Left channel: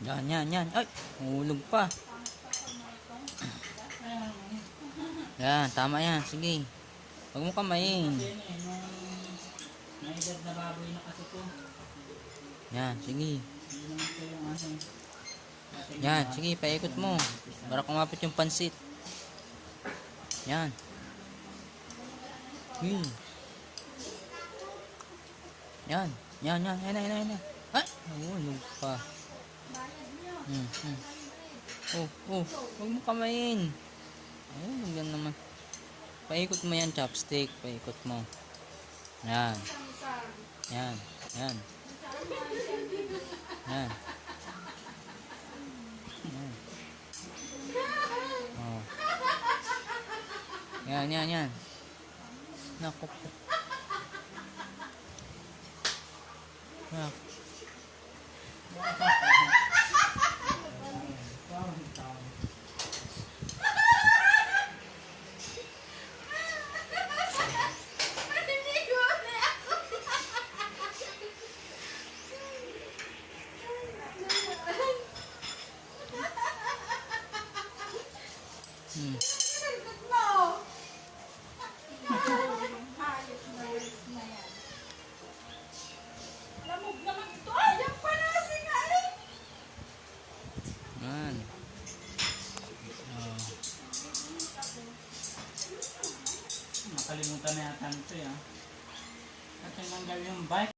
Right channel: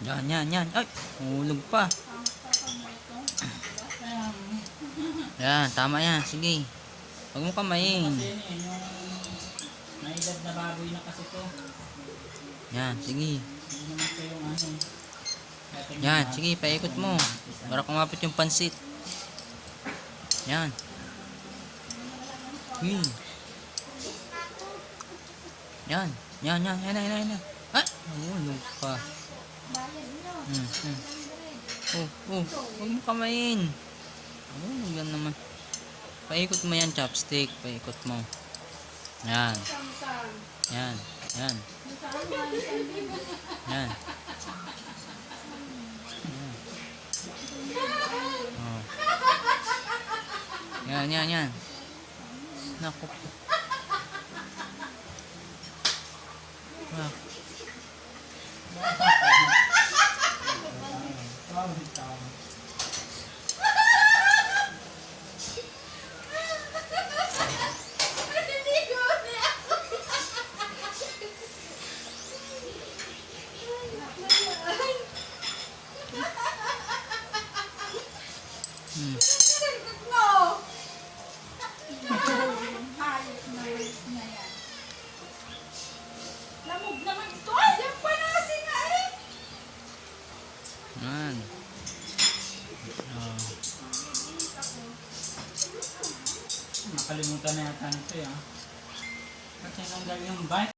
Yan, yan, yan. Ay, hulog pa. Yan, tama yan. Sige. Huwag mo kamayin. May edad na baboy na kasi to. Yan, sige. Hindi naman ito yung ano. Yan, sige, paikot mo. Para kumapit yung pansit. Yan. Yan. Yan, yan, yan, yan, yan. Ay, hulog pa. Huwag mo kamayin. Yan naman. Paikot mo yan, chopstick. Paikot mo. Yan. Yan. Yan. Yan. Oh. Yan, yan, yan. Naku. Ah. Yan. Oh. Nakalimutan na yata nito eh. Kasi nung yung bike.